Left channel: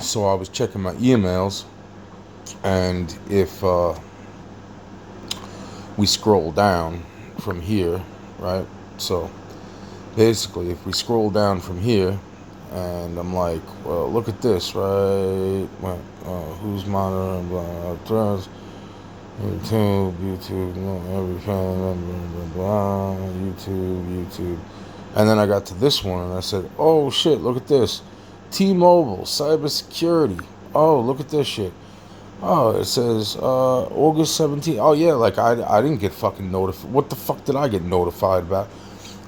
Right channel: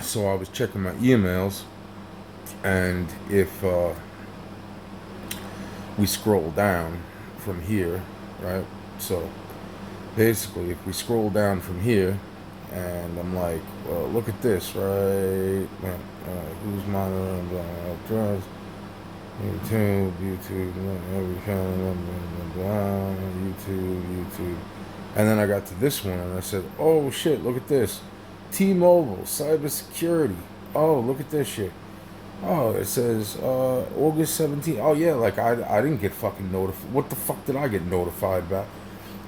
So I was checking my emails, and if we scroll down from here, right? So basically, if we scroll down from here, and I'm like, well, look at this, right? Who's monitoring? YouTube, every channel, YouTube. And then I got to this one and I said, oh shit, look at this. T-Mobile, cybersecurity. Oh, look at this shit. Oh, it says August 17th. Oh, yeah, like I didn't get fucking notified. What the fuck did I get notified about?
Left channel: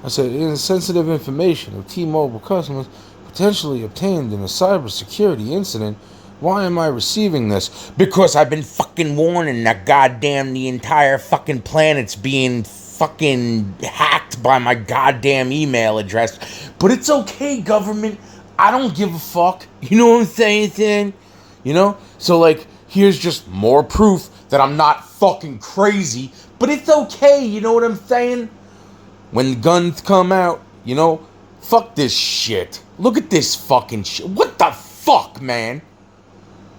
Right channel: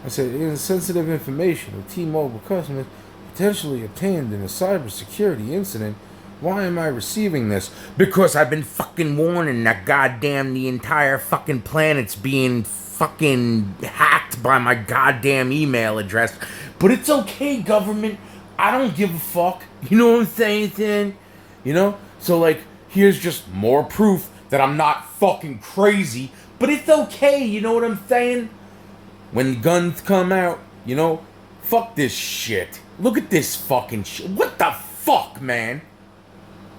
I said, sensitive information of T-Mobile customers potentially obtained in a cybersecurity incident. Why am I receiving this? Because I've been fucking warning that goddamn the entire fucking planet's being fucking hacked by my goddamn email address. But it's okay, government. I don't give a fuck. You know what I'm saying? You know? So, like, here's just more proof that I'm not fucking crazy. But it's okay, you know what I'm saying? When guns come out, you know, fuck this shit. Look at this fucking shit. What the fuck, man?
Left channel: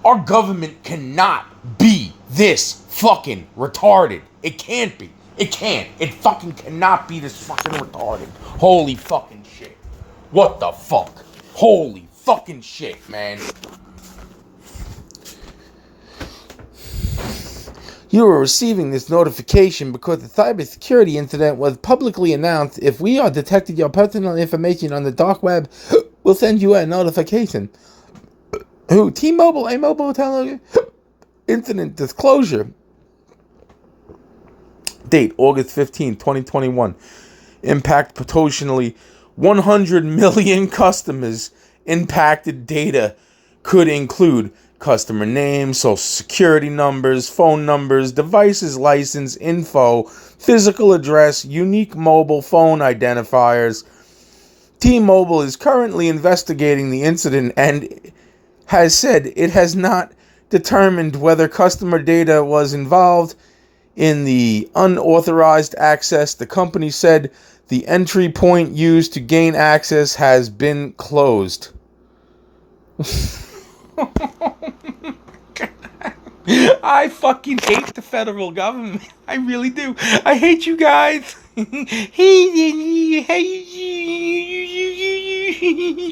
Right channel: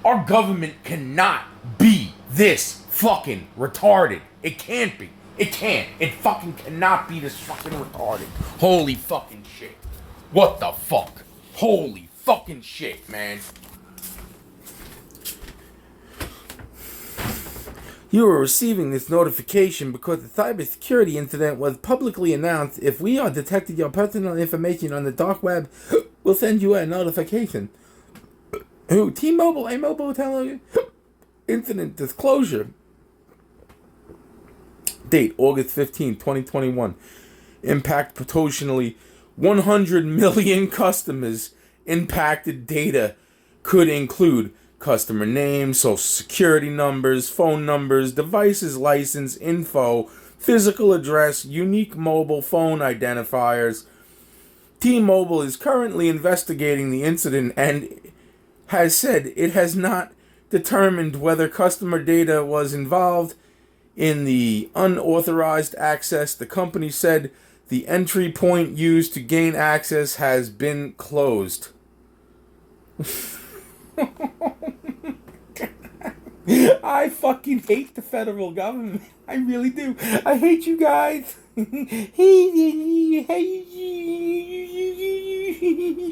Our government cannot be this fucking retarded. It can't be. It can't. It fucking cannot be this fucking retarded. Holy fucking shit. What the fuck? Holy fucking shit, man. You are receiving this notification because the cybersecurity incident was publicly announced. If we are detecting your personal information on the dark web, we'll send you a notification. Who? T-Mobile, a mobile telephone incident disclosure. Date, August 15, 2021. Impact potentially 100 million customers. Impacted data could include customer names, social security numbers, phone numbers, devices license info, physical address, unique mobile phone identifiers. T-Mobile is currently investigating the incident and has said it has not determined whether customer data was involved in the unauthorized access. The company said the entry point used to gain access has been closed. I fucking hate the federal government. I really do. I hate you guys.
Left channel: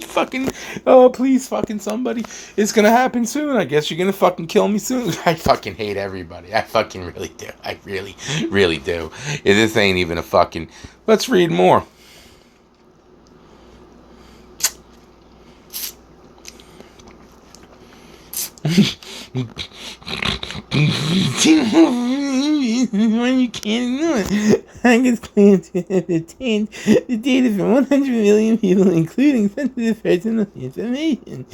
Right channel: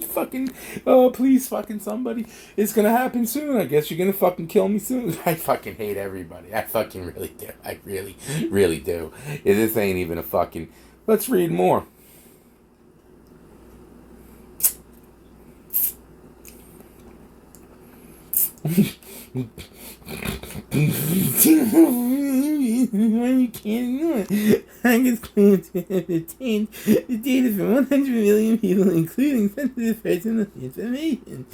Fucking, oh, please, fucking somebody. It's gonna happen soon. I guess you're gonna fucking kill me soon. I fucking hate everybody. I fucking really do. I really, really do. This ain't even a fucking. Let's read more. When you can't ignore it, hackers claim to have obtained the data from 100 million people, including sensitive personal information.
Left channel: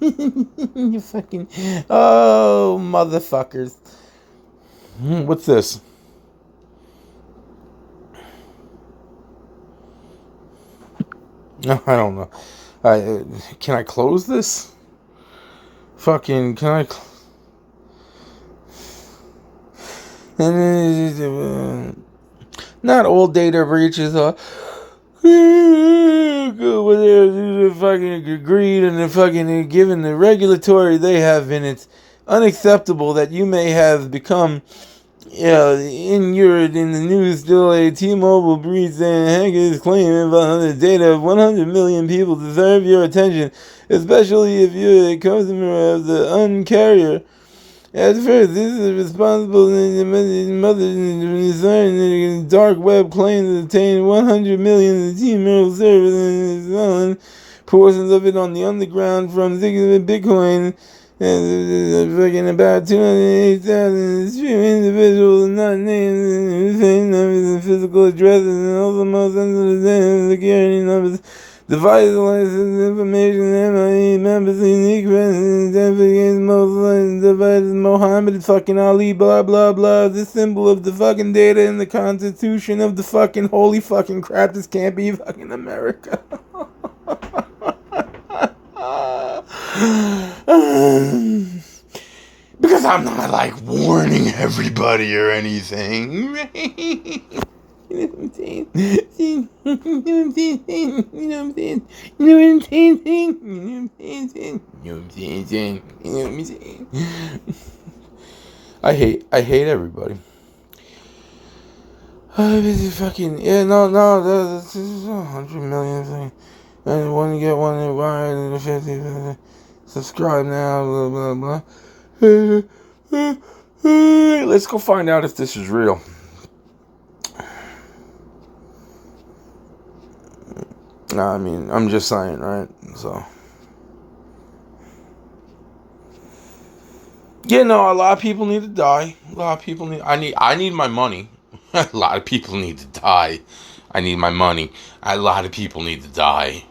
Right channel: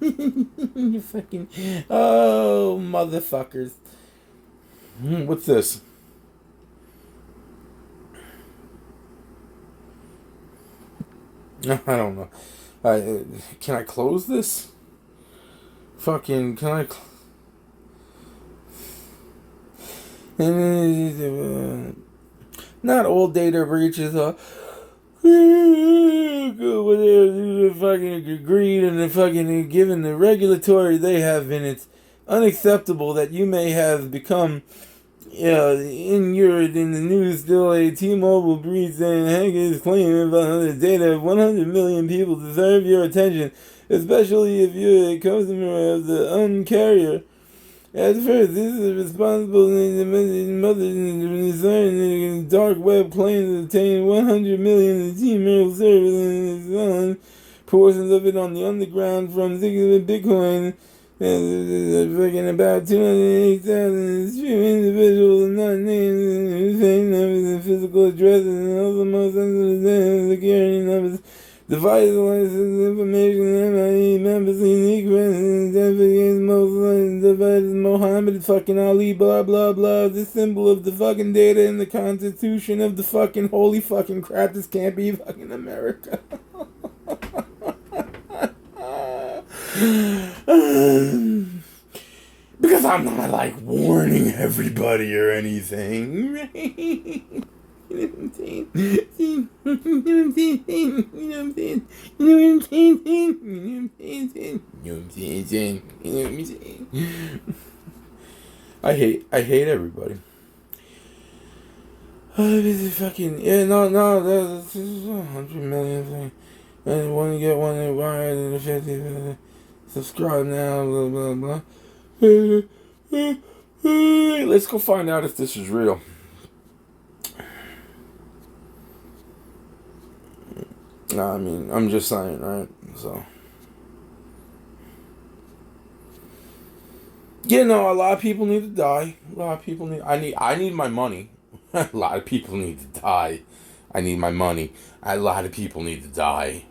You fucking, oh, motherfuckers. What's this? No, I don't know. Can I close this? Fucking, can I? Not all data breaches are fucking agreed and they're fucking given the regulatory they have been. It's unacceptable that you may have become inured in the news still a T-Mobile breach and hackers claim about the data of 100 million people deserve your attention, especially if you're a customer of the uncarrier. At first, this is responsible in the dark web claims to obtain 100 million Gmail servers and selling portions of it on the underground from Bitcoin. And about 208,000 individuals not named same numbers and physical addresses and also most sensitive security numbers. Device license information, MIE members, unique residents, identification, most devices, Muhammad fucking Ali, blah blah blah. The symbol of the fucking data in the Constitution of the fucking holy fucking crap. This can't be fucking America. Because I'm not like warning everybody or anything. I hate everybody. Fucking yeah, no, that's 100 million thing. I want to get one that wide 50. Subscribe now, blah blah blah. Let's go find out if this is real. Nah, I mean, I'm just saying, right? So, yeah, no, a lot of people need to die. A lot of people need. I need my money. A lot of people need to die. I need my money. A lot of people need to die.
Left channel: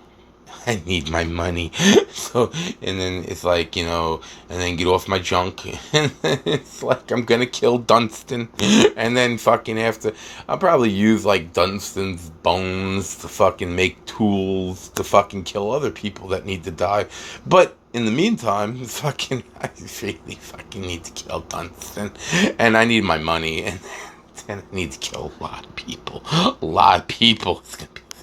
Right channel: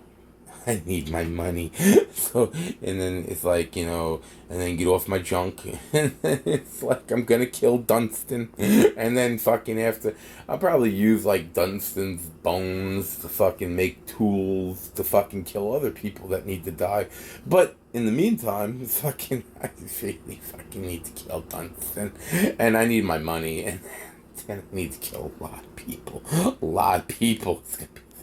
I need my money. So, and then it's like, and then get off my junk. And then it's like, I'm gonna kill Dunstan. And then fucking after, I'll probably use like Dunstan's bones to fucking make tools to fucking kill other people that need to die. But in the meantime, I really fucking need to kill Dunstan. And I need my money. And I need to kill a lot of people. A lot of people.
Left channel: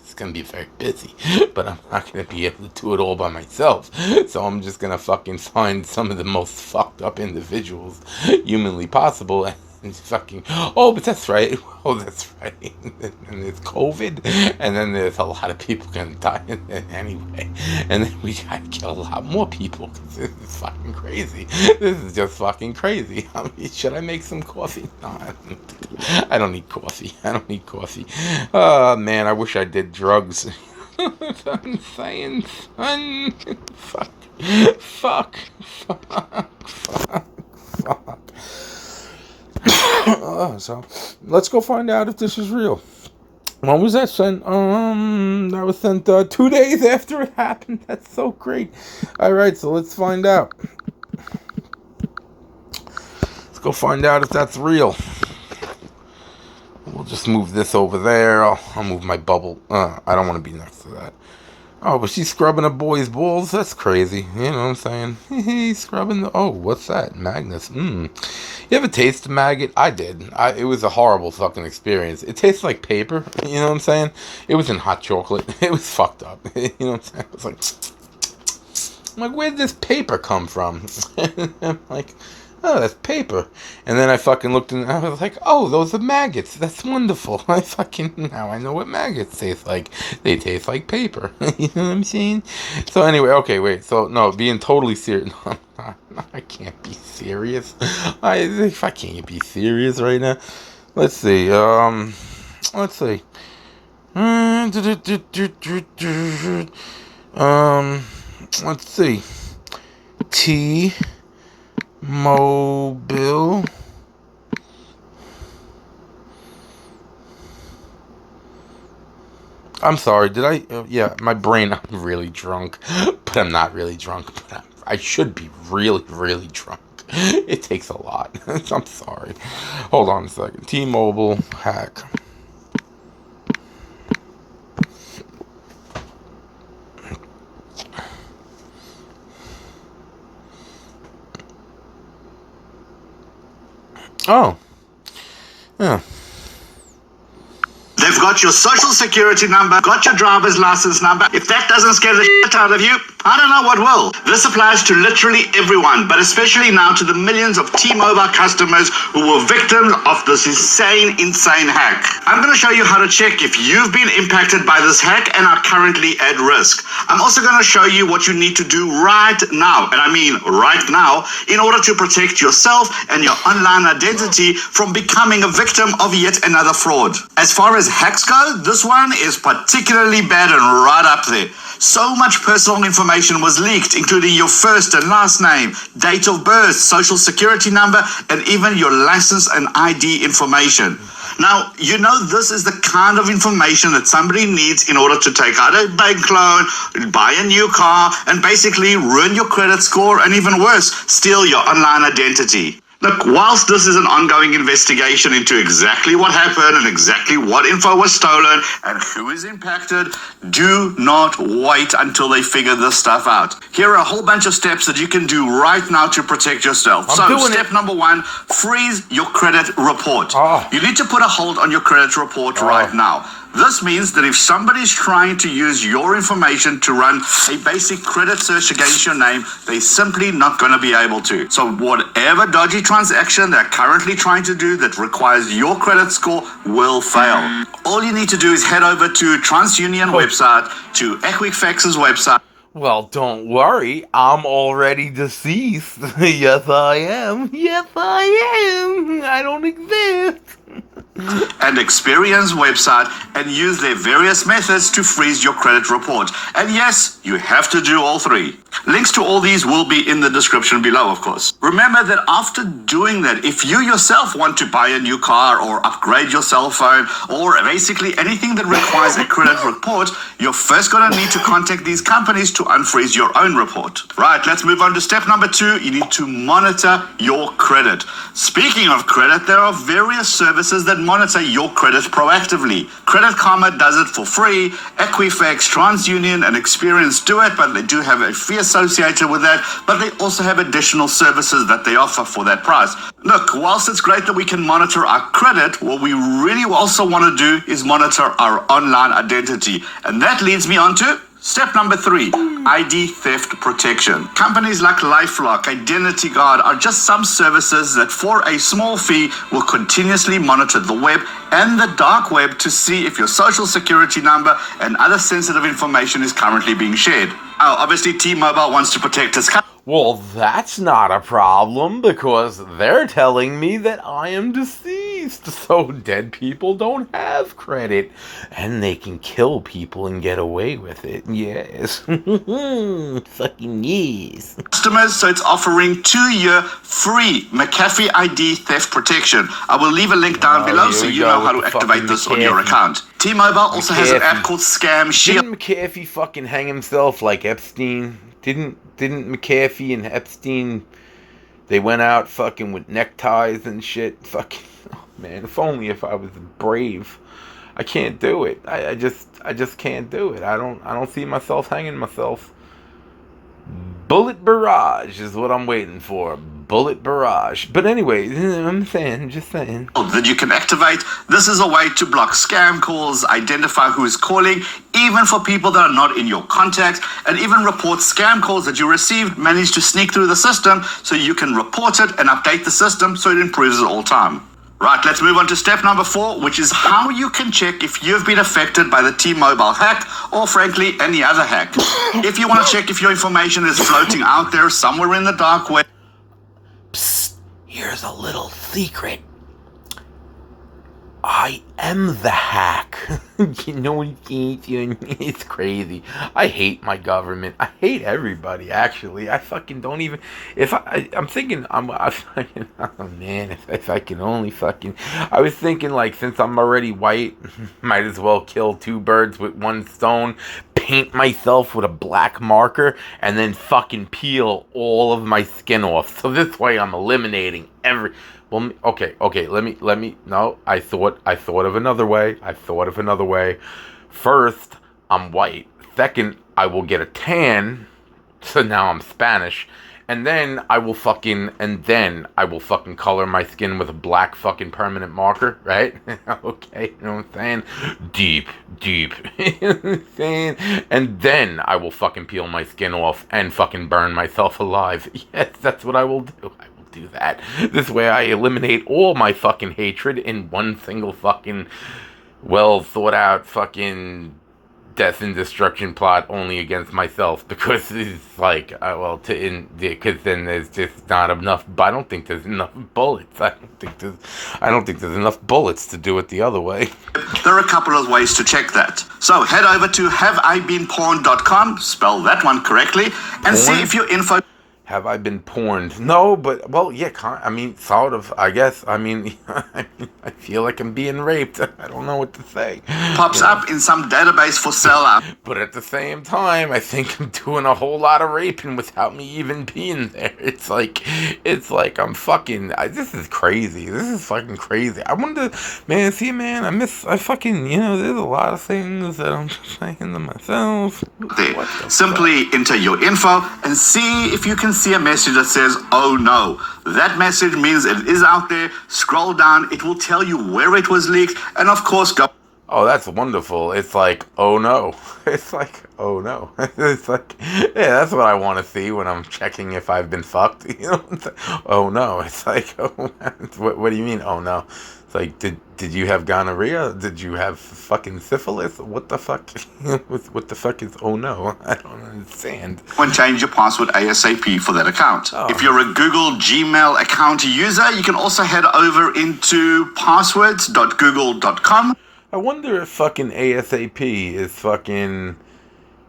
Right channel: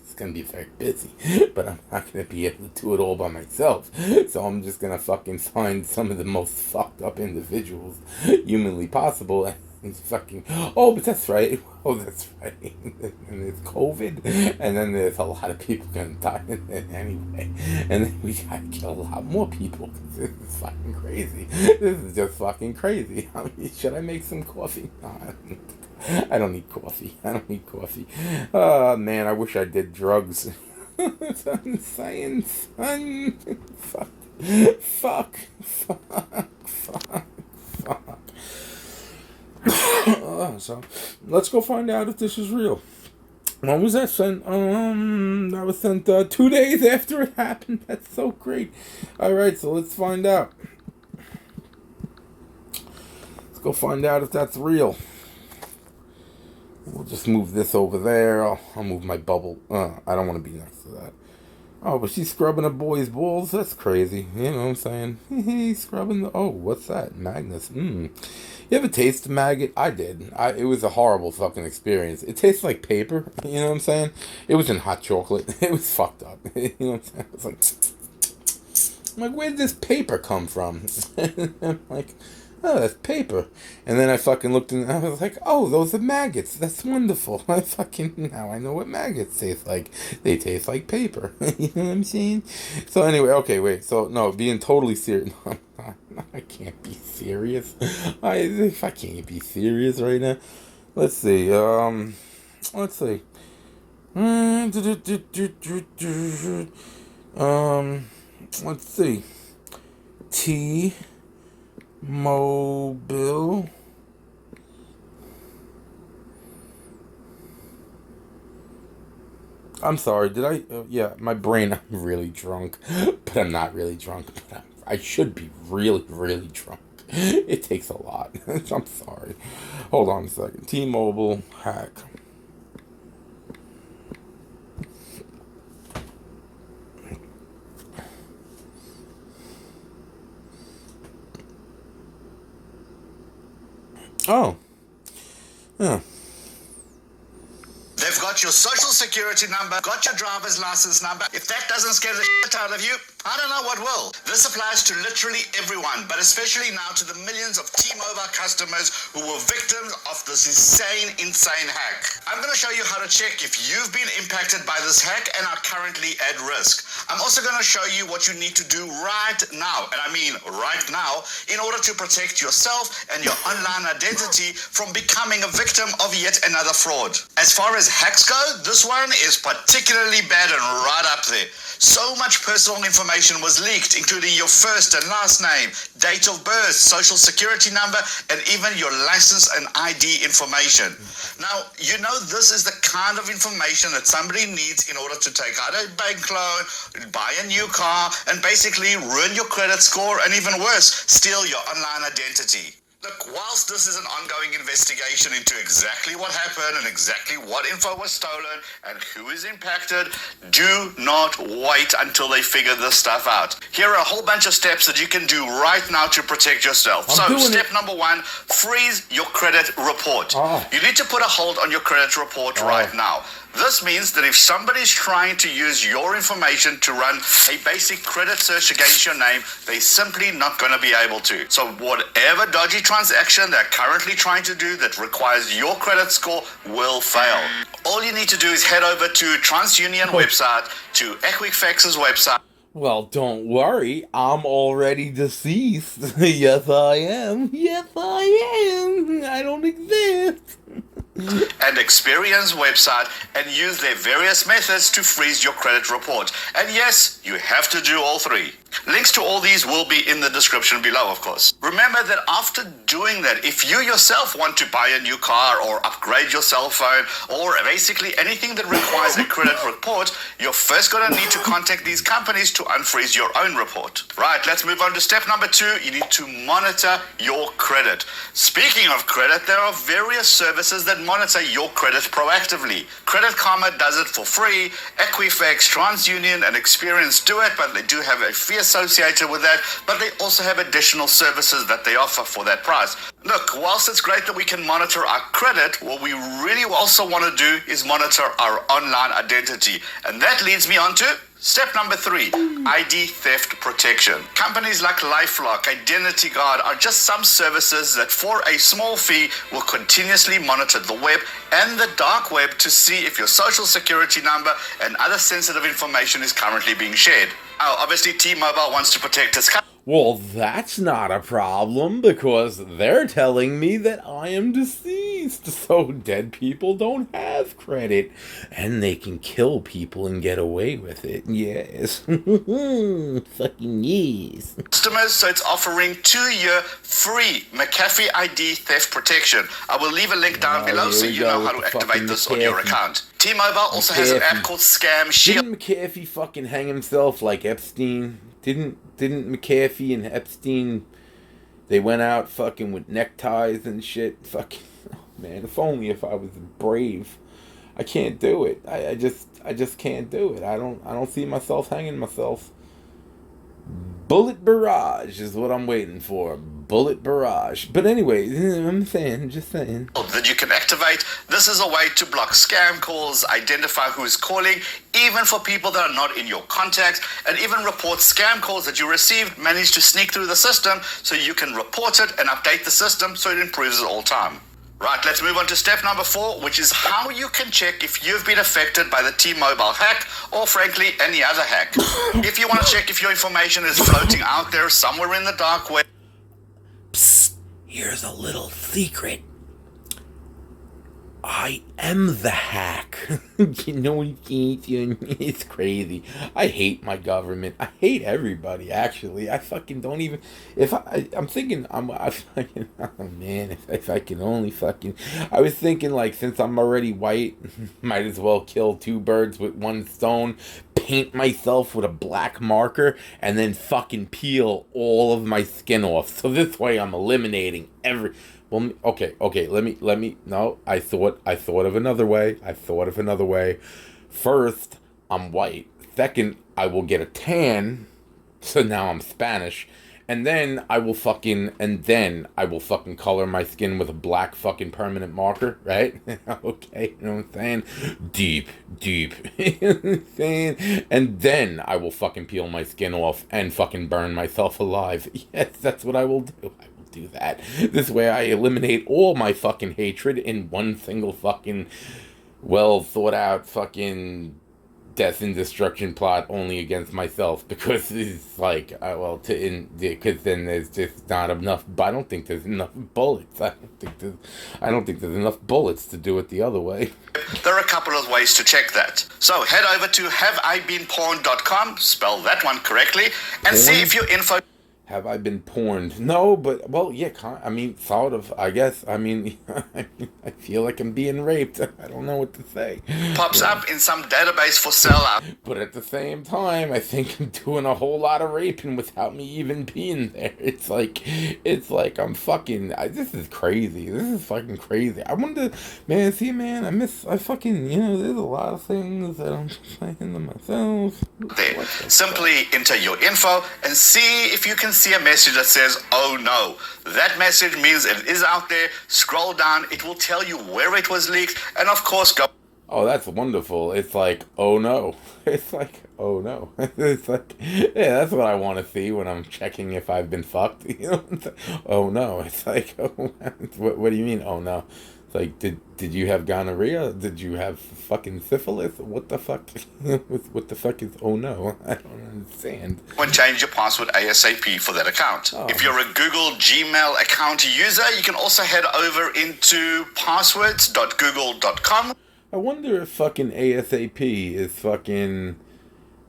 It's gonna be very busy, but I'm not gonna be able to do it all by myself. So I'm just gonna fucking find some of the most fucked up individuals humanly possible and fucking. Oh, but that's right. Oh, that's right. And there's COVID, and then there's a lot of people gonna die anyway. And then we gotta kill a lot more people because this is fucking crazy. This is just fucking crazy. I mean, should I make some coffee? No, I don't need coffee. I don't need coffee. Oh, man, I wish I did drugs. That's what I'm saying, son. Fuck. So, let's go find out if this is real. When was that sent? That was sent 2 days after it happened. That's so great. Alright, so let's find out. Let's go find out if that's real. We'll just move this over there. I'll move my bubble. I don't want to be next to that. Oh, but she's scrubbing a boy's balls? That's crazy. You know what I'm saying? He's scrubbing the... Oh, what's that? Magnus. You ever taste a maggot? I did. It was a horrible fucking experience. It tastes like paper. You know what I'm saying? It was in hot chocolate. It was fucked up. You know what I'm saying? It was like... I'm like, where did this paper come from? I'm like... Oh, that's paper. And then I fucking looked and I was like, oh, those are maggots. That's wonderful. Now I know what maggots taste like. They taste like paper. You know what I'm saying? So anyway, okay, wait. So, no, being totally serious. No, I can't be serious. If I can't be serious right now. Let's see. Let's see. Let's see. Mobil. I'm sorry, did I? Yeah, my brain, I'm really drunk. But I'm not really drunk. But I should be really, really drunk. It takes a lot. I'm sorry. Hold on a second. T-Mobile hack. Oh. Yeah. They've got your social security number, got your driver's license number. If that doesn't scare the shit out of you, I don't know what will. This applies to literally everyone, but especially now to the millions of T-Mobile customers who were victims of this insane hack. I'm going to show you how to check if you've been impacted by this hack and are currently at risk. I'm also going to show you what you need to do right now, and I mean right now, in order to protect yourself and your online identity from becoming a victim of yet another fraud. As far as hacks go, this one is particularly bad and right up there. So much personal information was leaked, including your first and last name, date of birth, social security number, and even your license and ID information. Now, you know this is the kind of information that somebody needs in order to take out a bank loan, buy a new car, and basically ruin your credit score, and even worse, steal your online identity. Look, whilst this is an ongoing investigation into exactly what happened and exactly what info was stolen and who is impacted, do not wait until they figure this stuff out. Here are a whole bunch of steps that you can do right now to protect yourself. Step number 1, freeze your credit report. You need to put a hold on your credit report right now. This means that if somebody's trying to use your information to run a basic credit search against your name, they're simply not going to be able to. So whatever dodgy transaction they're currently trying to do that requires your credit score will fail. All you need to do is head over to TransUnion website, to Equifax's website. Well, don't worry, I'm already deceased. Yes, I am. Yes, I am. I don't exist. And Experian's website and use their various methods to freeze your credit report. And yes, you have to do all 3. Links to all these will be in the description below, of course. Remember that after doing that, if you yourself want to buy a new car or upgrade your cell phone or basically anything that requires a credit report, you're first going to need to contact these companies to unfreeze your own report. Right, let's move on to step number 2. You need to monitor your credit. Speaking of credit, there are various services that monitor your credit proactively. Credit Karma does it for free. Equifax, TransUnion, and Experian do it, but they do have a fee associated with that, but they also have additional services that they offer for that price. Look, whilst it's great that we can monitor our credit, what we really also want to do is monitor our online identity. And that leads me on to step number 3, ID theft protection. Companies like LifeLock, Identity Guard are just some services that for a small fee will continuously monitor the web and the dark web to see if your social security number and other sensitive information is currently being shared. Now, obviously, T-Mobile wants to protect its customers. Well, that's not a problem because they're telling me that I am deceased, so dead people don't have credit, and they can kill people and get away with it. Yes. Fucking yes. Customers, so it's offering 2-year free McAfee ID theft protection. I will leave a link down below so you know how to activate this on your account. T-Mobile also has an app called Scam Shield. Didn't McAfee fucking hang himself like Epstein? Didn't McAfee and Epstein, they went out fucking with neckties and shit? Fucking, oh man, if only if I was brave. I can't do it. I just can't do it. I don't see myself hanging myself. Bullet barrage is what I'm waiting for. Bullet barrage. But anyway, just saying. That you can activate. This is a way to block scam calls, identify who is calling, even for people that are not in your contacts, and even report scam calls that you received, manage to sneak through the system so you can report it and update the system so it improves at all time. Right, let's move on to step number 4, which is how you can check if you've been affected by the T-Mobile hack or, frankly, any other hack. If you want to check if your information is floating out there somewhere in the dark web. Psst, here's a little secret. I am the hack. You know, it's crazy. I hate my government. I hate everybody, actually. I fucking don't even... I'm thinking... oh, man, if I can only fucking... I was thinking, like, since I'm already white, might as well kill 2 birds with 1 stone, paint myself with a black marker, and then fucking peel all of my skin off. So this way I'm eliminating every... Well, okay, let me, no, I thought of another way. First, I'm white. Second, I will get a tan, so now I'm Spanish. And then I will fucking color my skin with a black fucking permanent marker, right? Okay, you know what I'm saying? Deep. You know what I'm saying? And then I will fucking peel my skin off and fucking burn myself alive. Yes, that's what I will do. Do that. This way I eliminate all my fucking hatred in one single fucking well thought out fucking death and destruction plot only against myself, because it's like because then there's just not enough. I don't think there's enough bullets. I don't think there's enough bullets to do it the other way. There are a couple of ways to check that. So head over to haveibeenporn.com, spell that one correctly, and see if your info... Have I been porned? No, but, well, yeah, I mean, sort of, I guess. I mean, I feel like I'm being raped. I don't know what to say. Pops up in some database for sale. But at the same time, I think I'm doing a whole lot of raping without me even being there. It's like I'm fucking, this is crazy. This is fucking crazy. I wonder, man, I fucking, there's a lot of things that I'm just saying to myself. There. Simply enter your info and see if you can see a message that says, oh no. That message means it is out there. Scroll down. It will tell you where it was leaked. And of course, go. Oh, that's wonderful. It's like, oh no. It's like, oh no. It's like, yeah, that's what I want to see when I'm checking if I've been fucked. Oh no. It's like, oh, what do you mean, oh no? It's like, did you have gonorrhea? Did you have fucking syphilis? What the fuck? What the fuck is, oh no? I don't understand. And change your password ASAP for that account. Oh. If you're a Google Gmail account user, you can also head over into passwords.google.com. I wonder if fucking ASAP is fucking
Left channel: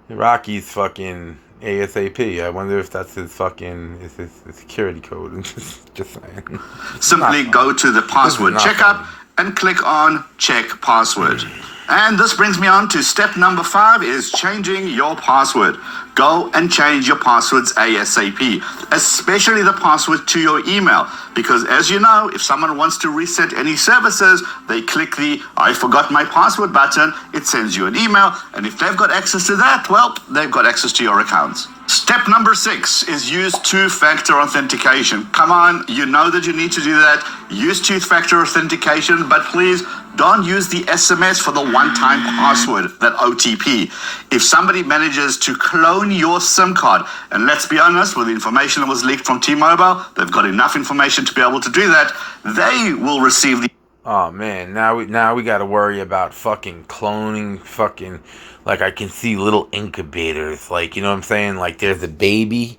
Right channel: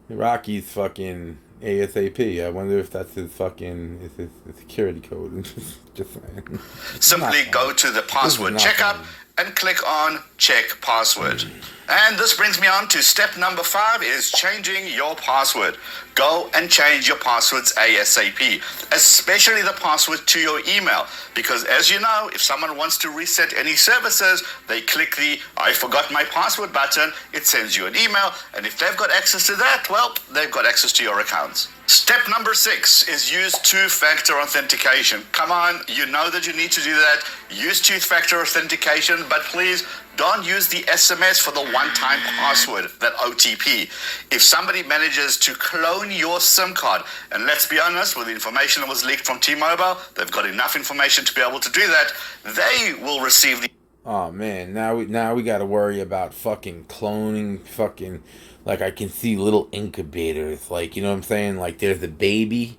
Rocky's fucking ASAP. I wonder if that's his fucking his security code. Just saying. Simply go to the password checkup and click on check password. And this brings me on to step number 5 is changing your password. Go and change your passwords ASAP, especially the password to your email. Because as you know, if someone wants to reset any services, they click the I forgot my password button, it sends you an email, and if they've got access to that, well, they've got access to your accounts. Step number 6 is use two-factor authentication. Come on, you know that you need to do that. Use two-factor authentication, but please don't use the SMS for the one-time password, that OTP. If somebody manages to clone your SIM card, and let's be honest, with the information that was leaked from T-Mobile, they've got enough information to be able to do that, they will receive the... Oh man, now we got to worry about fucking cloning, fucking, like I can see little incubators, like, you know what I'm saying? Like there's a baby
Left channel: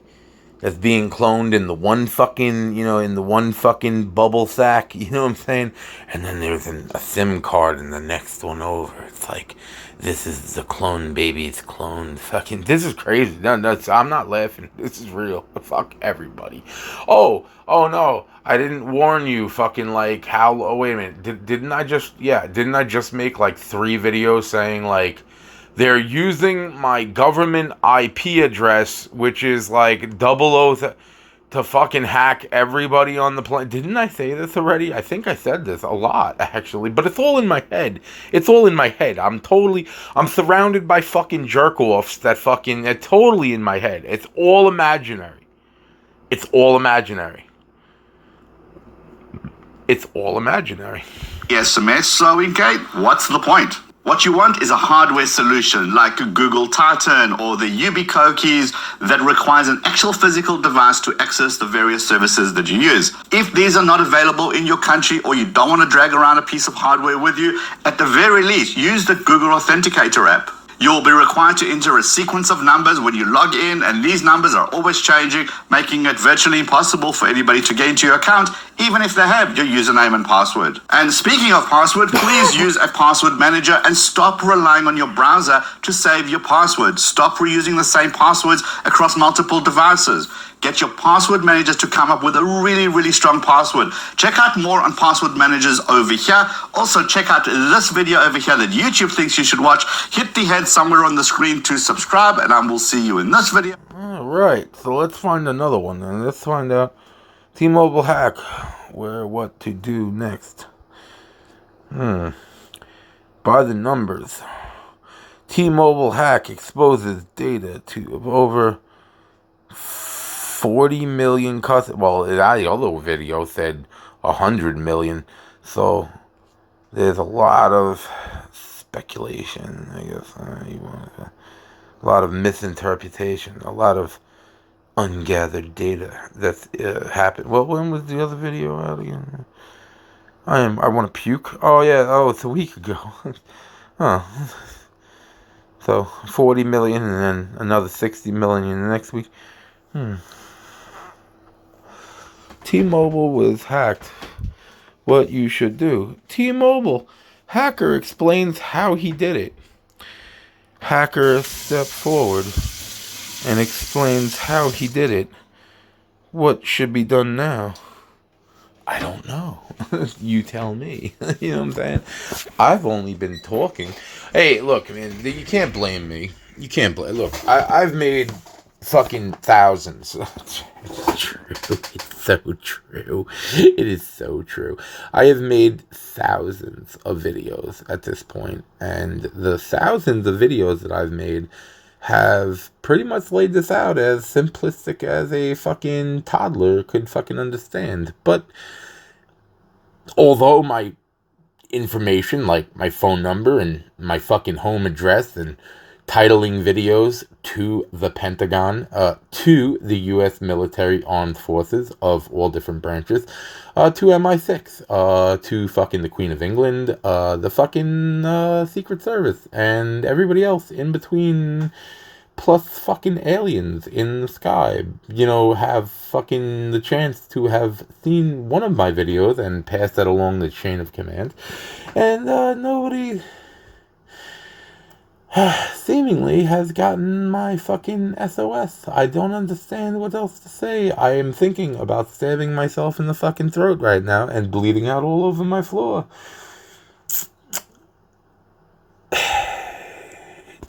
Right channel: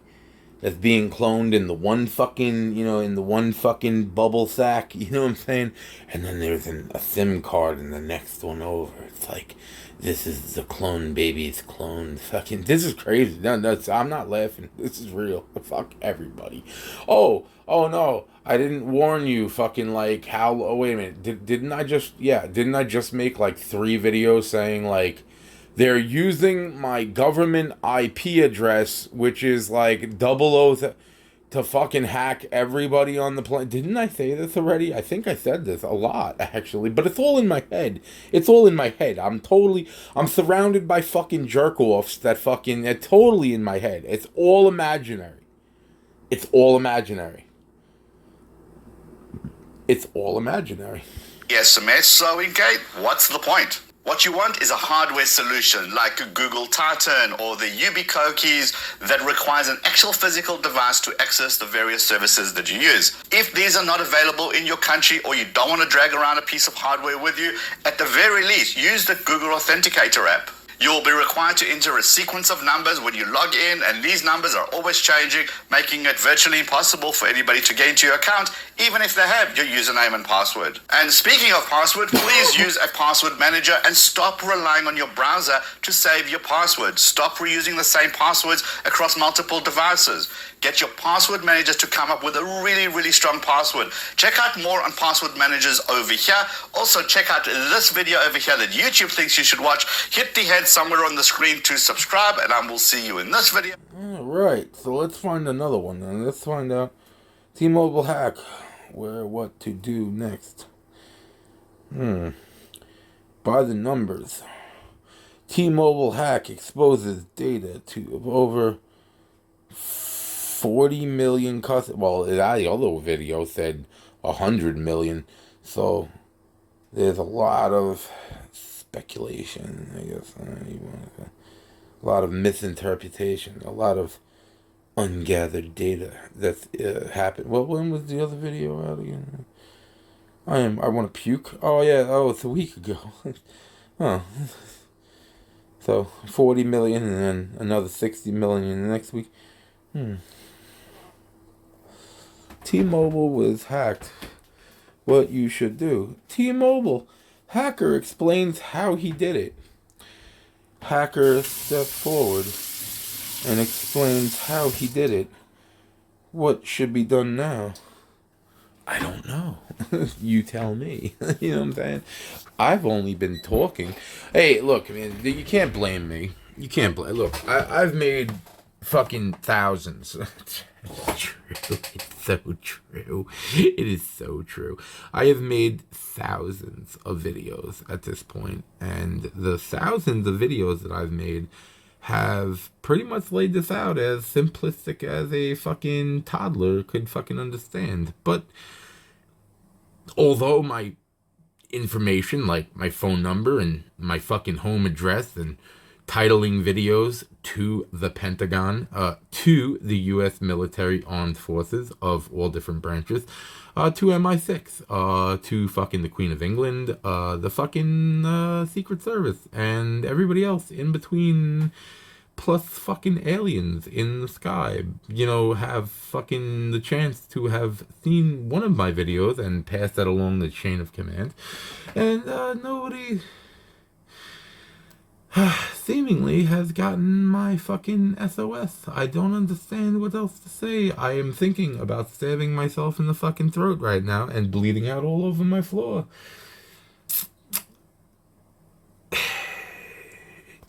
that's being cloned in the one fucking bubble sack, you know what I'm saying? And then there's a SIM card in the next one over. It's like, this is the clone baby's clone. Fucking, this is crazy. No, I'm not laughing. This is real. Fuck everybody. Oh no. I didn't warn you, fucking, like, how, oh, wait a minute, didn't I just make, like, 3 videos saying, like, they're using my government IP address, which is, like, 00 to fucking hack everybody on the planet. Didn't I say this already? I think I said this a lot, actually, but it's all in my head. It's all in my head. I'm surrounded by fucking jerk-offs that fucking, they're totally in my head. It's all imaginary. It's all imaginary. It's all imaginary. SMS, so Kate, what's the point? What you want is a hardware solution like Google Titan or the UB keys that requires an actual physical device to access the various services that you use. If these are not available in your country or you don't want to drag around a piece of hardware with you, at the very least, use the Google Authenticator app. You'll be required to enter a sequence of numbers when you log in, and these numbers are always changing, making it virtually impossible for anybody to get into your account, even if they have your username and password. And speaking of password, please use a password manager and stop relying on your browser to save your password. Stop reusing the same passwords across multiple devices. Get your password managers to come up with a really, really strong password. Check out more on password managers over here. Also, check out this video over here that YouTube thinks you should watch. Hit the head somewhere on the screen to subscribe, and I will see you in this video. All right, so let's find another one, and let's find out T-Mobile hack, what to do next. By the numbers, T-Mobile hack exposes data to over 40 million customers. Well, the other video said 100 million. So there's a lot of speculation, I guess. A lot of misinterpretation. A lot of ungathered data that's happened. Well, when was the other video out again? I want to puke. Oh, yeah. Oh, it's a week ago. Huh. So 40 million and then another 60 million in the next week. T-Mobile was hacked. What you should do. T-Mobile hacker explains how he did it. Hacker steps forward and explains how he did it What should be done now? I don't know. You tell me. You know what I'm saying? I've only been talking. Hey, look, man, you can't blame me. You can't blame. Look, I've made fucking thousands. It's true. It's so true. It is so true. I have made thousands of videos at this point, and the thousands of videos that I've made have pretty much laid this out as simplistic as a fucking toddler could fucking understand. But although my information, like my phone number and my fucking home address and titling videos to the Pentagon, to the U.S. military armed forces of all different branches, to MI6, to fucking the Queen of England, the fucking Secret Service, and everybody else in between, plus fucking aliens in the sky, have fucking the chance to have seen one of my videos and pass that along the chain of command. And nobody seemingly has gotten my fucking SOS. I don't understand what else to say. I am thinking about stabbing myself in the fucking throat right now and bleeding out all over my floor.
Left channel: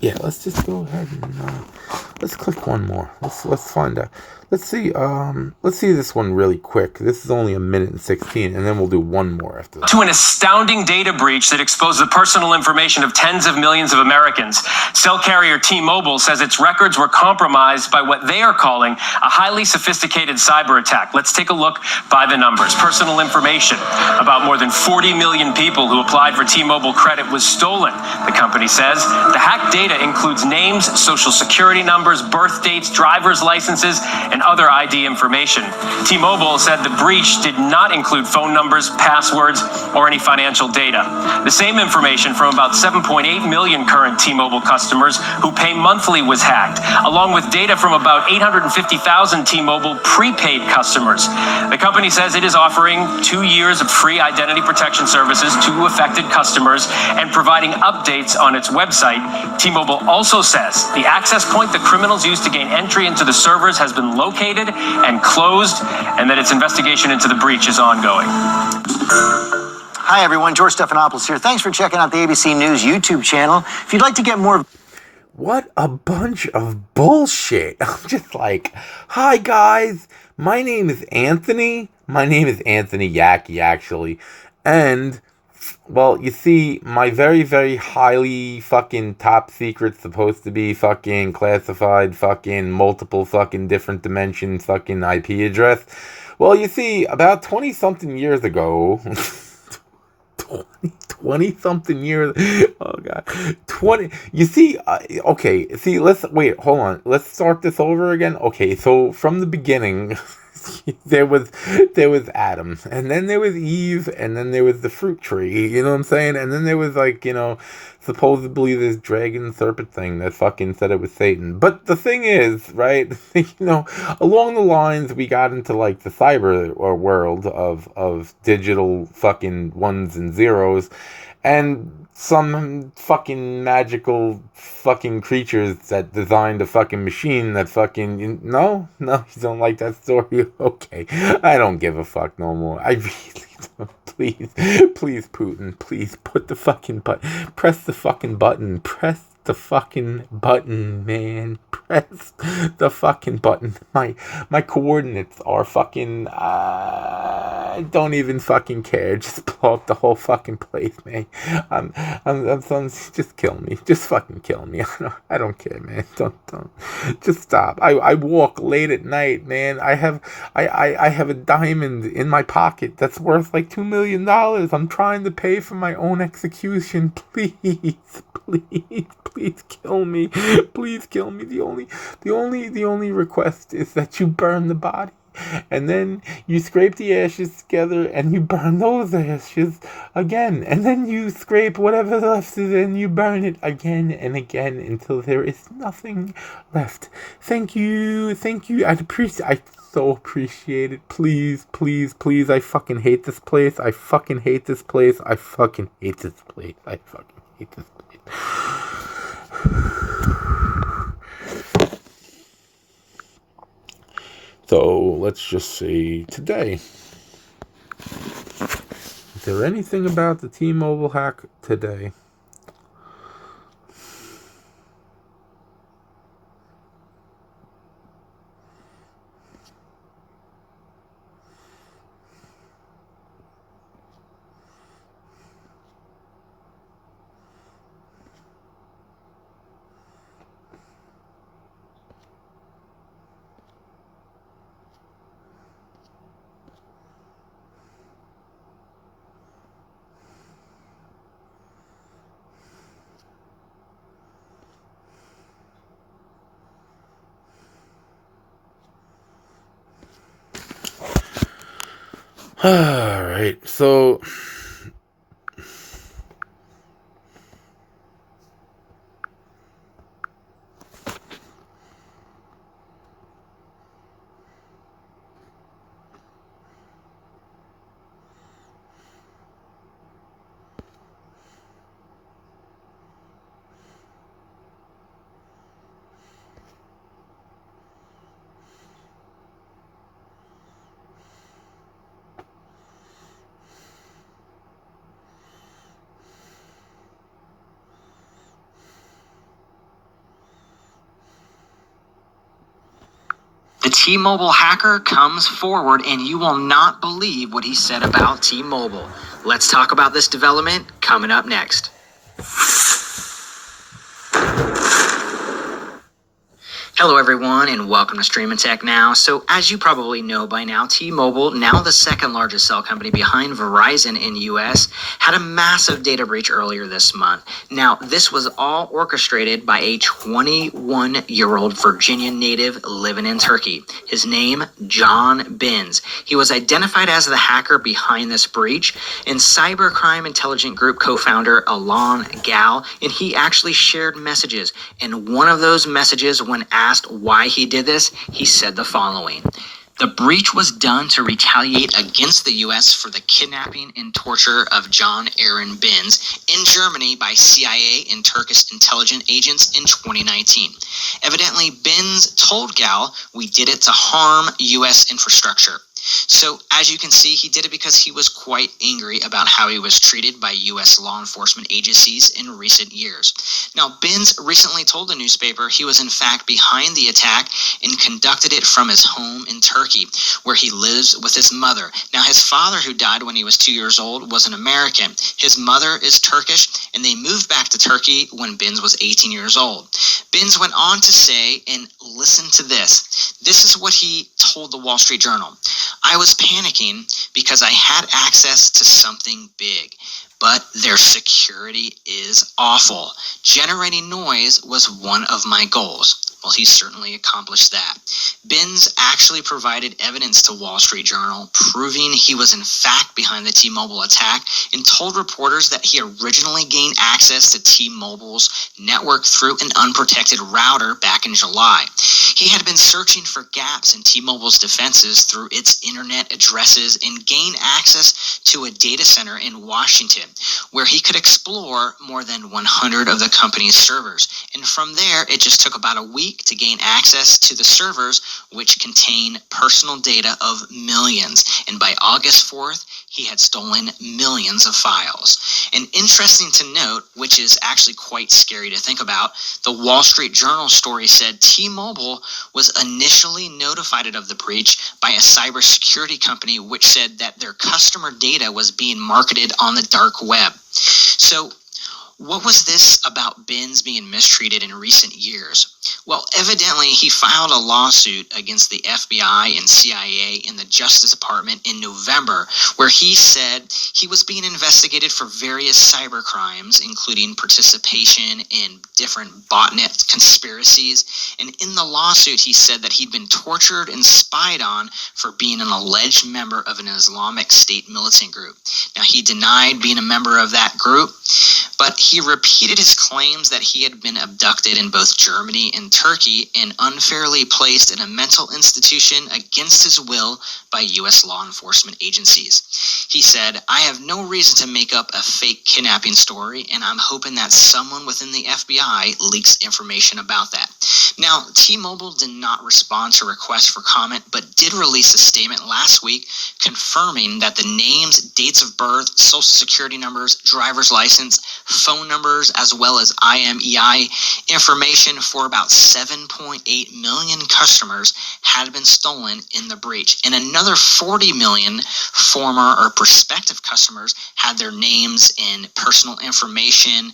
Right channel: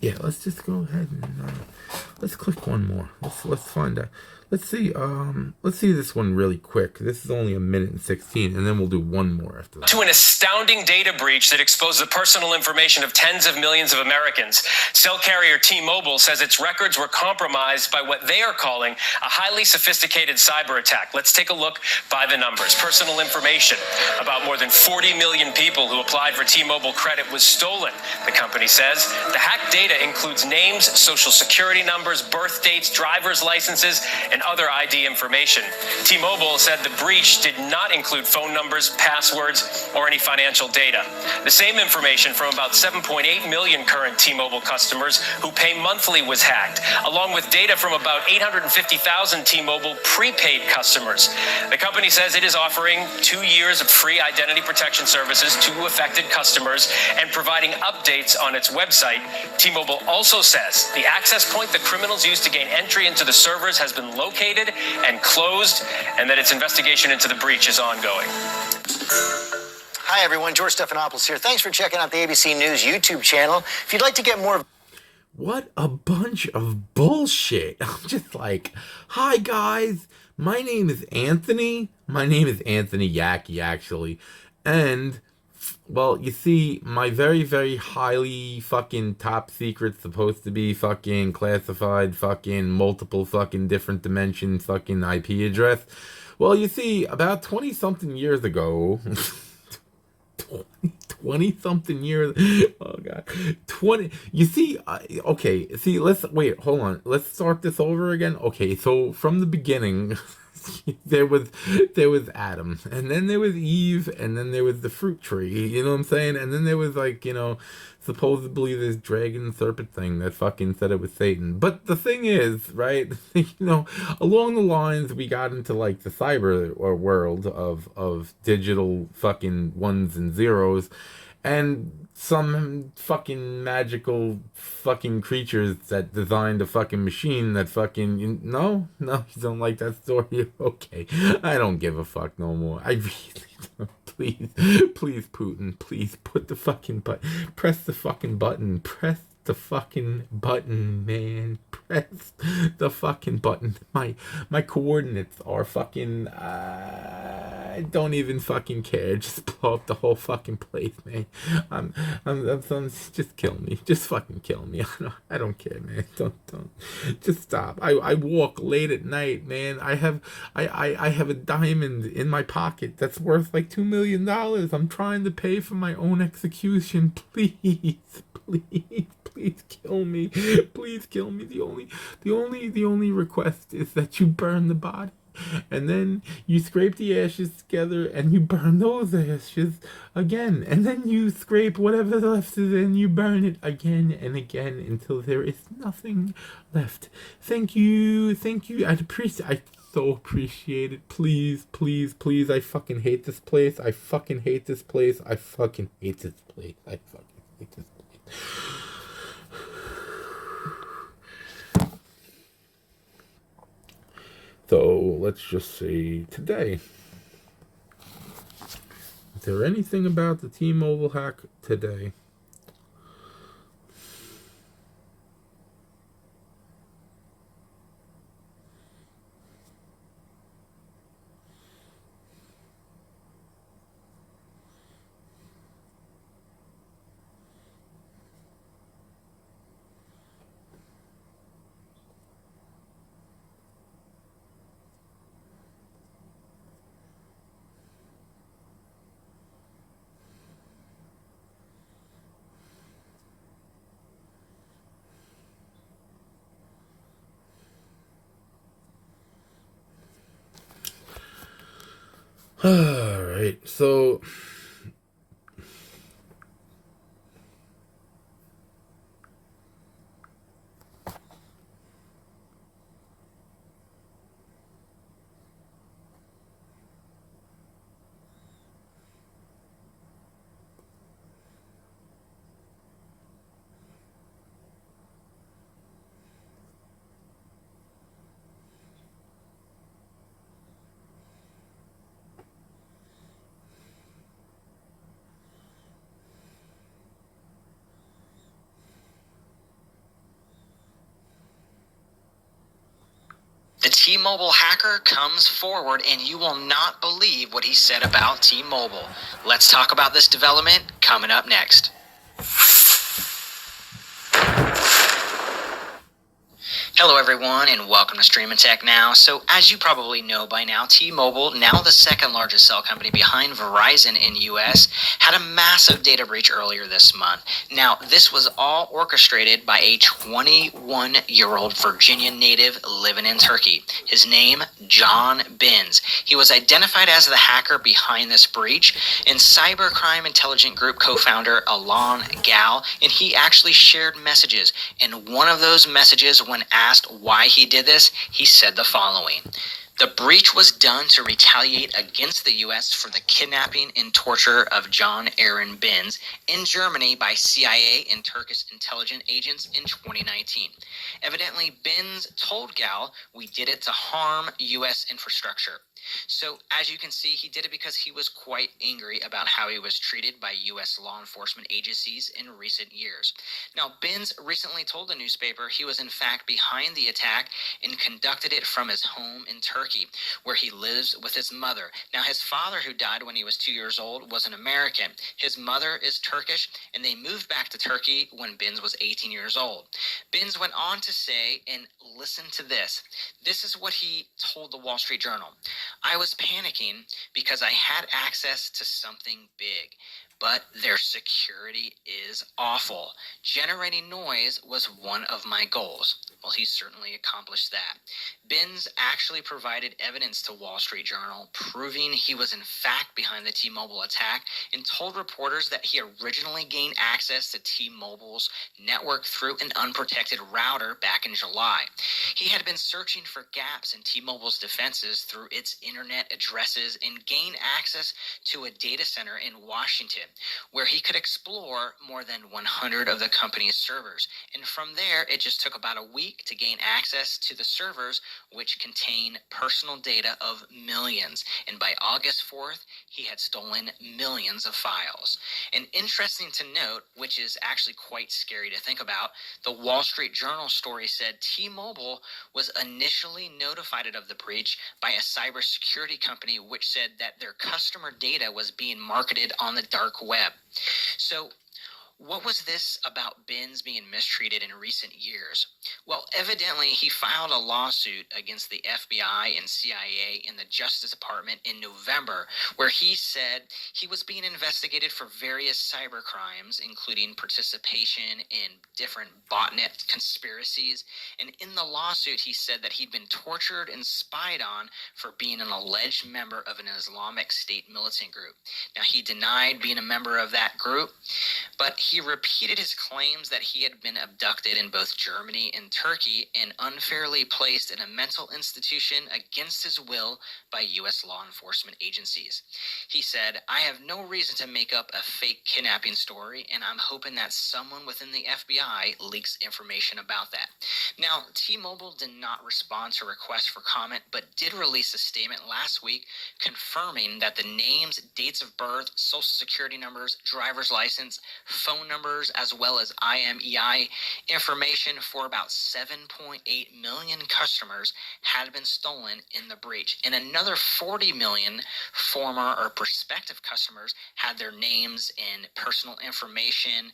Yeah, let's just go ahead and let's click one more. Let's find out. Let's see this one really quick. This is only 1:16, and then we'll do one more after that. To an astounding data breach that exposed the personal information of tens of millions of Americans. Cell carrier T-Mobile says its records were compromised by what they are calling a highly sophisticated cyber attack. Let's take a look by the numbers. Personal information about more than 40 million people who applied for T-Mobile credit was stolen, the company says. The hacked data includes names, social security numbers, birth dates, driver's licenses, and other ID information. T-Mobile said the breach did not include phone numbers, passwords, or any financial data. The same information from about 7.8 million current T-Mobile customers who pay monthly was hacked, along with data from about 850,000 T-Mobile prepaid customers. The company says it is offering 2 years of free identity protection services to affected customers and providing updates on its website. T-Mobile also says the access point the criminals used to gain entry into the servers has been located and closed, and that its investigation into the breach is ongoing. Hi, everyone. George Stephanopoulos here. Thanks for checking out the ABC News YouTube channel. If you'd like to get more... What a bunch of bullshit. I'm just like, hi, guys. My name is Anthony. My name is Anthony Yackey, actually. And... well, you see, my very, very highly fucking top secret, supposed to be fucking classified, fucking multiple fucking different dimension fucking IP address. Well, you see, about 20-something years ago, 20-something years, oh God, 20, you see, okay, see, wait, hold on, let's start this over again. Okay, so from the beginning... there was Adam, and then there was Eve, and then there was the fruit tree, you know what I'm saying? And then there was, like, supposedly this dragon serpent thing that fucking said it was Satan. But the thing is, right, along the lines we got into, like, the cyber world of digital fucking ones and zeros, and some fucking magical fucking creatures that designed a fucking machine that fucking... No, you don't like that story? Okay, I don't give a fuck no more. I really don't. Please, Putin, please put the fucking button. Press the fucking button. Press the fucking button, man. Press the fucking button. My coordinates are fucking... I don't even fucking care. Just blow up the whole fucking place, man. I'm just kill me. Just fucking kill me. I don't care, man. Don't. Just stop. I walk late at night, man. I have a diamond in my pocket that's worth like $2 million. I'm trying to pay for my own execution. Please kill me. Please kill me. The only request is that you burn the body. And then you scrape the ashes together and you burn those ashes again. And then you scrape whatever left is and you burn it again and again until there is nothing left. Thank you. I so appreciate it. Please. I fucking hate this place. I fucking hate this place. So let's just say today. Is there anything about the T-Mobile hack today? All right, so The T-Mobile hacker comes forward, and you will not believe what he said about T-Mobile. Let's talk about this development coming up next. Hello everyone, and welcome to Streamin' Tech Now. So as you probably know by now, T-Mobile, now the second largest cell company behind Verizon in the US, had a massive data breach earlier this month. Now, this was all orchestrated by a 21-year-old Virginia native living in Turkey. His name, John Binns. He was identified as the hacker behind this breach, and cybercrime intelligence group co-founder Alan Gal, and he actually shared messages. And one of those messages, when asked why he did this, he said the following: "The breach was done to retaliate against the U.S. for the kidnapping and torture of John Aaron Binns in Germany by CIA and Turkish intelligence agents in 2019. Evidently, Binns told Gal, 'We did it to harm U.S. infrastructure.' So, as you can see, he did it because he was quite angry about how he was treated by U.S. law enforcement agencies in recent years. Now, Binns recently told the newspaper he was in fact behind the attack and conducted it from his home in Turkey, where he lives with his mother. Now, his father, who died when he was 2 years old, was an American. His mother is Turkish, and they moved back to Turkey when Binns was 18 years old. Binns went on to say, and listen to this. This is what he told the Wall Street Journal. "I was panicking because I had access to something big, but their security is awful. Generating noise was one of my goals." Well, he certainly accomplished that. Binns actually provided evidence to Wall Street Journal proving he was in fact behind the T-Mobile attack, and told reporters that he originally gained access to T-Mobile's network through an unprotected router back in July. He had been searching for gaps in T-Mobile's defenses through its internet addresses and gained access to a data center in Washington, where he could explore more than 100 of the company's servers. And from there, it just took about a week to gain access to the servers, which contain personal data of millions. And by August 4th, he had stolen millions of files. And interesting to note, which is actually quite scary to think about, the Wall Street Journal story said T-Mobile was initially notified of the breach by a cybersecurity company, which said that their customer data was being marketed on the dark web. So, what was this about Binns being mistreated in recent years? Well, evidently, he filed a lawsuit against the FBI and CIA and the Justice Department in November, where he said he was being investigated for various cyber crimes, including participation in different botnet conspiracies. And in the lawsuit, he said that he'd been tortured and spied on for being an alleged member of an Islamic State militant group. Now, he denied being a member of that group, but he repeated his claims that he had been abducted in both Germany in Turkey and unfairly placed in a mental institution against his will by U.S. law enforcement agencies. He said, "I have no reason to make up a fake kidnapping story, and I'm hoping that someone within the FBI leaks information about that." Now, T-Mobile did not respond to requests for comment, but did release a statement last week confirming that the names, dates of birth, social security numbers, driver's license, phone numbers, as well as IMEI information for about 7.8 million customers had been stolen in the breach, and another 40 million former or prospective customers had their names and personal information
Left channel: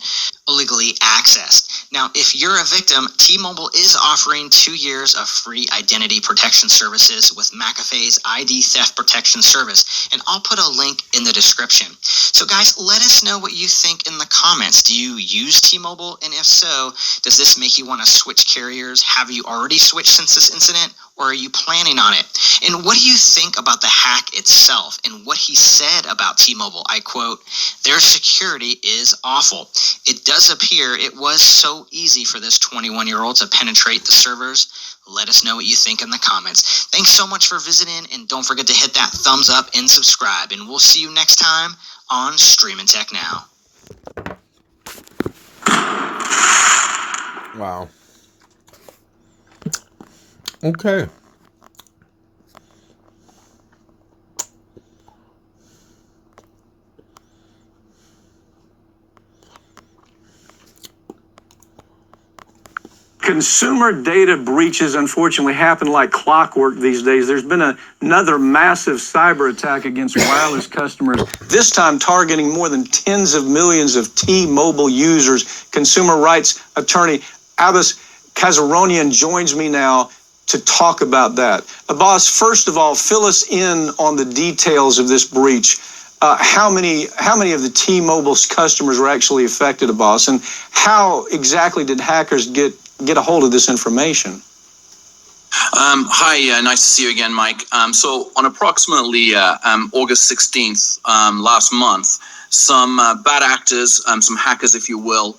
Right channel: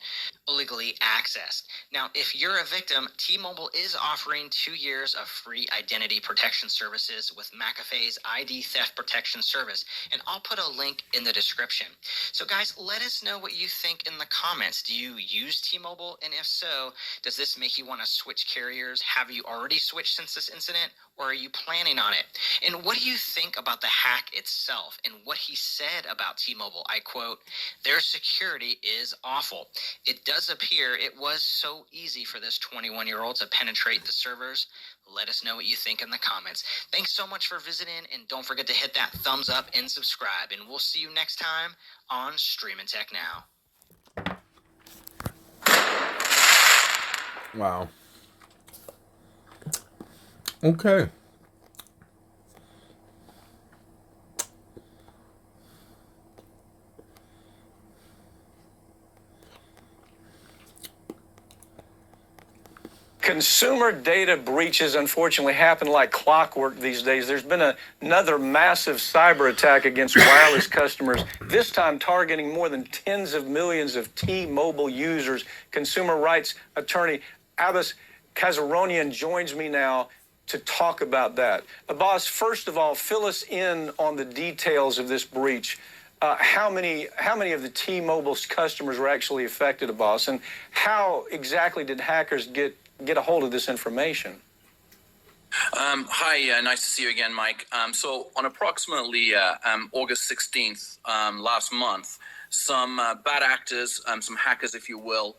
illegally accessed. Now, if you're a victim, T-Mobile is offering 2 years of free identity protection services with McAfee's ID theft protection service, and I'll put a link in the description. So guys, let us know what you think in the comments. Do you use T-Mobile? And if so, does this make you want to switch carriers? Have you already switched since this incident? Or are you planning on it? And what do you think about the hack itself and what he said about T-Mobile? I quote, "Their security is awful. It does appear it was so easy for this 21-year-old to penetrate the servers." Let us know what you think in the comments. Thanks so much for visiting, and don't forget to hit that thumbs up and subscribe. And we'll see you next time on Streamin' Tech Now. Wow. Okay. Consumer data breaches unfortunately happen like clockwork these days. There's been another massive cyber attack against wireless customers, this time targeting more than tens of millions of T-Mobile users. Consumer rights attorney Abbas Kazaronian joins me now to talk about that. Abbas, first of all, fill us in on the details of this breach. How many of the T-Mobile's customers were actually affected, Abbas, and how exactly did hackers get a hold of this information? Hi, nice to see you again, Mike. So on approximately August 16th last month, some bad actors, some hackers, if you will,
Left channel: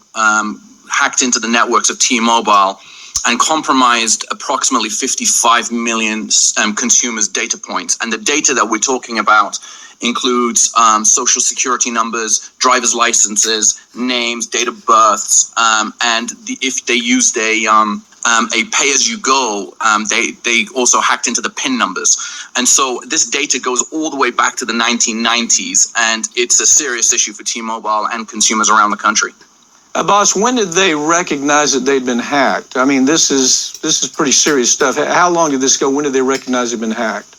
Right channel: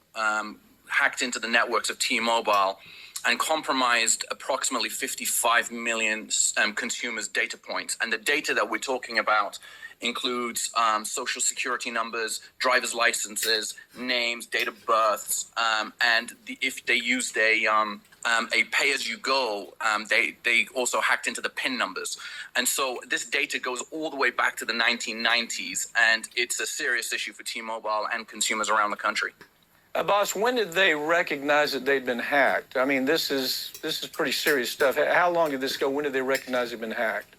hacked into the networks of T-Mobile and compromised approximately 55 million consumers' data points. And the data that we're talking about includes social security numbers, driver's licenses, names, date of births, and if they used a pay-as-you-go, they also hacked into the PIN numbers. And so this data goes all the way back to the 1990s, and it's a serious issue for T-Mobile and consumers around the country. Abbas, when did they recognize that they'd been hacked? I mean, this is pretty serious stuff. How long did this go? When did they recognize they'd been hacked?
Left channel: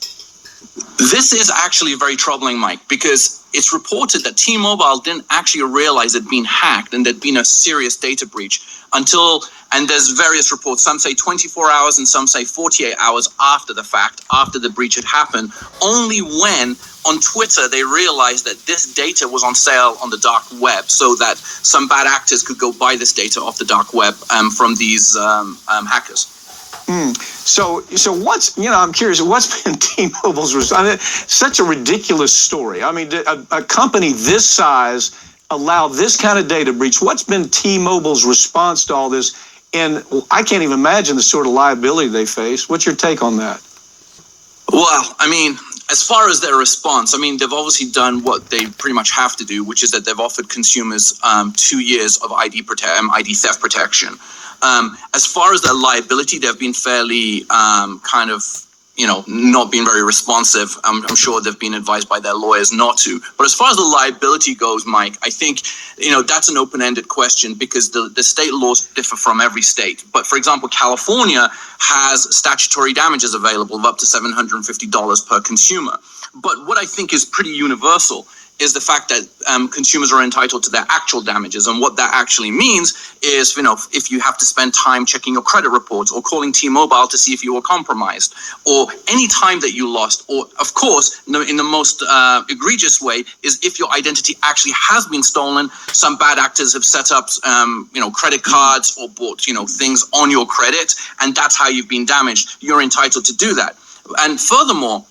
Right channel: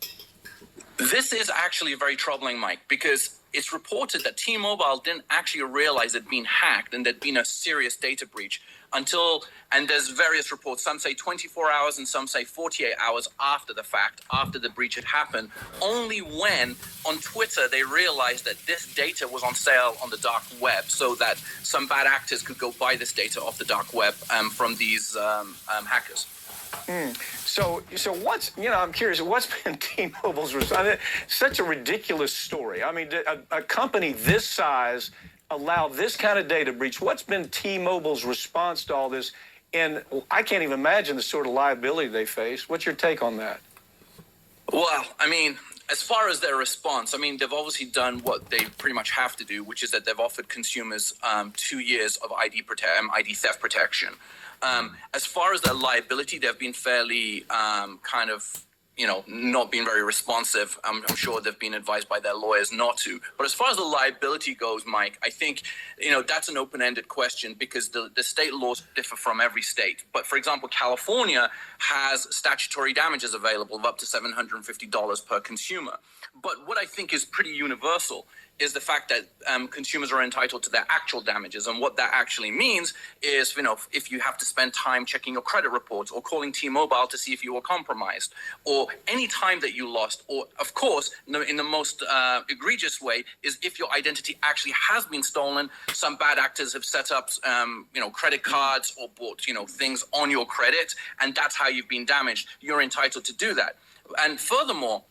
This is actually very troubling, Mike, because it's reported that T-Mobile didn't actually realize it'd been hacked and there'd been a serious data breach until, and there's various reports, some say 24 hours and some say 48 hours after the fact, after the breach had happened, only when on Twitter they realized that this data was on sale on the dark web, so that some bad actors could go buy this data off the dark web from these hackers. So what's, I'm curious, what's been T-Mobile's response? I mean, such a ridiculous story. I mean, a company this size allow this kind of data breach? What's been T-Mobile's response to all this? And I can't even imagine the sort of liability they face. What's your take on that? Well, I mean, as far as their response, I mean, they've obviously done what they pretty much have to do, which is that they've offered consumers 2 years of ID theft protection. As far as their liability, they've been fairly kind of, not being very responsive. I'm sure they've been advised by their lawyers not to. But as far as the liability goes, Mike, I think, that's an open-ended question because the state laws differ from every state. But for example, California has statutory damages available of up to $750 per consumer. But what I think is pretty universal is the fact that consumers are entitled to their actual damages. And what that actually means is, if you have to spend time checking your credit reports or calling T-Mobile to see if you were compromised, or any time that you lost, or of course, in the most egregious way is if your identity actually has been stolen. Some bad actors have set up, credit cards or bought, things on your credit, and that's how you've been damaged. You're entitled to do that. And furthermore,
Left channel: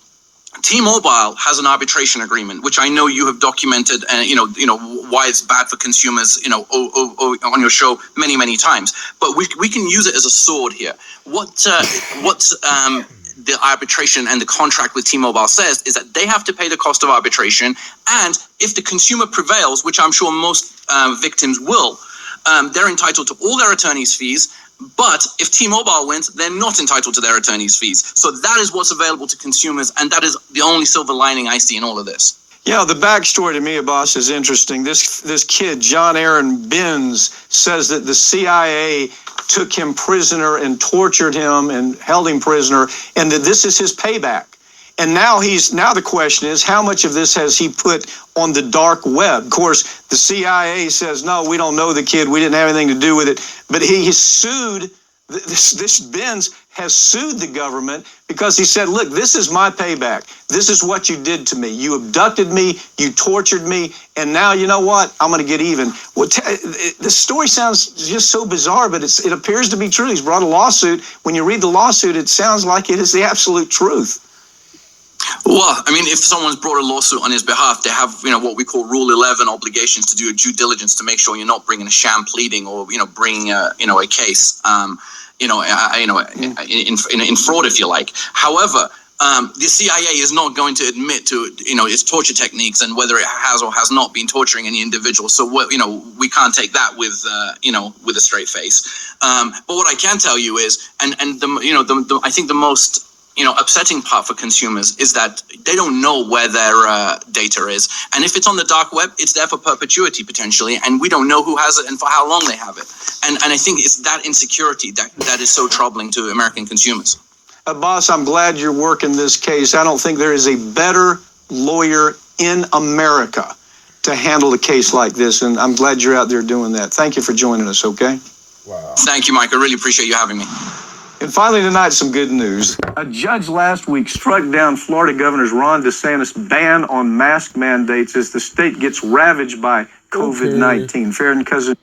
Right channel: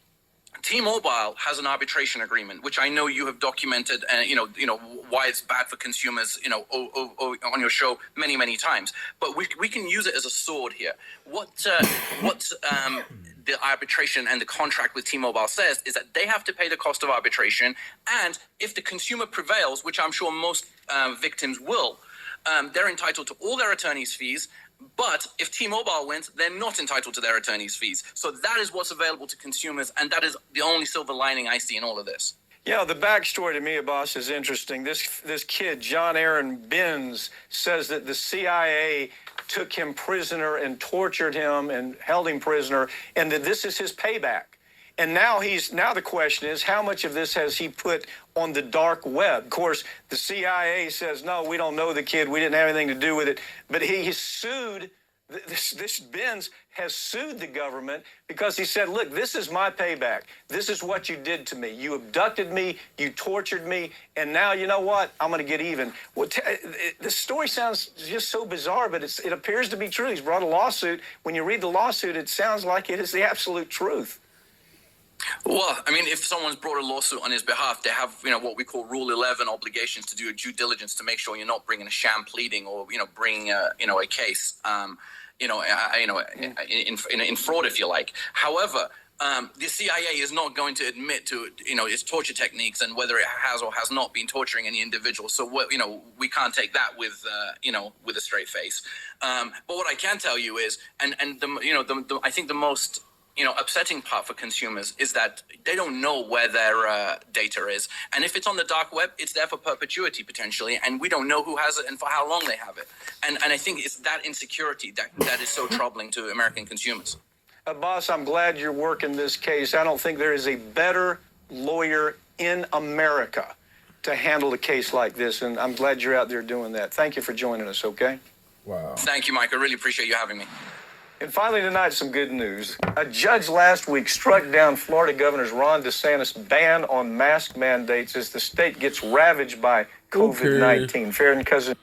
T-Mobile has an arbitration agreement, which I know you have documented, and why it's bad for consumers, on your show many times. But we can use it as a sword here. What the arbitration and the contract with T-Mobile says is that they have to pay the cost of arbitration, and if the consumer prevails, which I'm sure most victims will, they're entitled to all their attorney's fees. But if T-Mobile wins, they're not entitled to their attorney's fees. So that is what's available to consumers, and that is the only silver lining I see in all of this. Yeah, the backstory to me, Abbas, is interesting. This kid, John Aaron Benz, says that the CIA took him prisoner and tortured him and held him prisoner, and that this is his payback. And now the question is, how much of this has he put on the dark web? Of course, the CIA says, no, we don't know the kid. We didn't have anything to do with it. But he sued, this Benz has sued the government because he said, look, this is my payback. This is what you did to me. You abducted me, you tortured me, and now you know what? I'm going to get even. Well, the story sounds just so bizarre, but it appears to be true. He's brought a lawsuit. When you read the lawsuit, it sounds like it is the absolute truth. Well, I mean, if someone's brought a lawsuit on his behalf, they have, what we call Rule 11 obligations to do a due diligence to make sure you're not bringing a sham pleading or, bringing a case, in fraud, if you like. However, the CIA is not going to admit to, its torture techniques and whether it has or has not been torturing any individual. So, we can't take that with a straight face. But what I can tell you is, I think the most upsetting part for consumers is that they don't know where their data is. And if it's on the dark web, it's there for perpetuity potentially, and we don't know who has it and for how long they have it. And I think it's that insecurity that is so troubling to American consumers. Boss, I'm glad you're working this case. I don't think there is a better lawyer in America to handle a case like this, and I'm glad you're out there doing that. Thank you for joining us, okay? Wow. Thank you, Mike. I really appreciate you having me. And finally tonight, some good news. A judge last week struck down Florida Governor Ron DeSantis' ban on mask mandates as the state gets ravaged by COVID-19. Farron Cousin.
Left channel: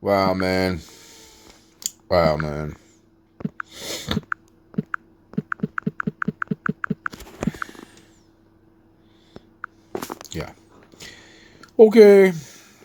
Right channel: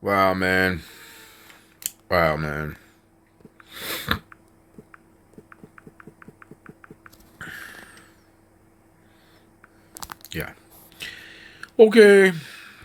Wow, man. Yeah. Okay.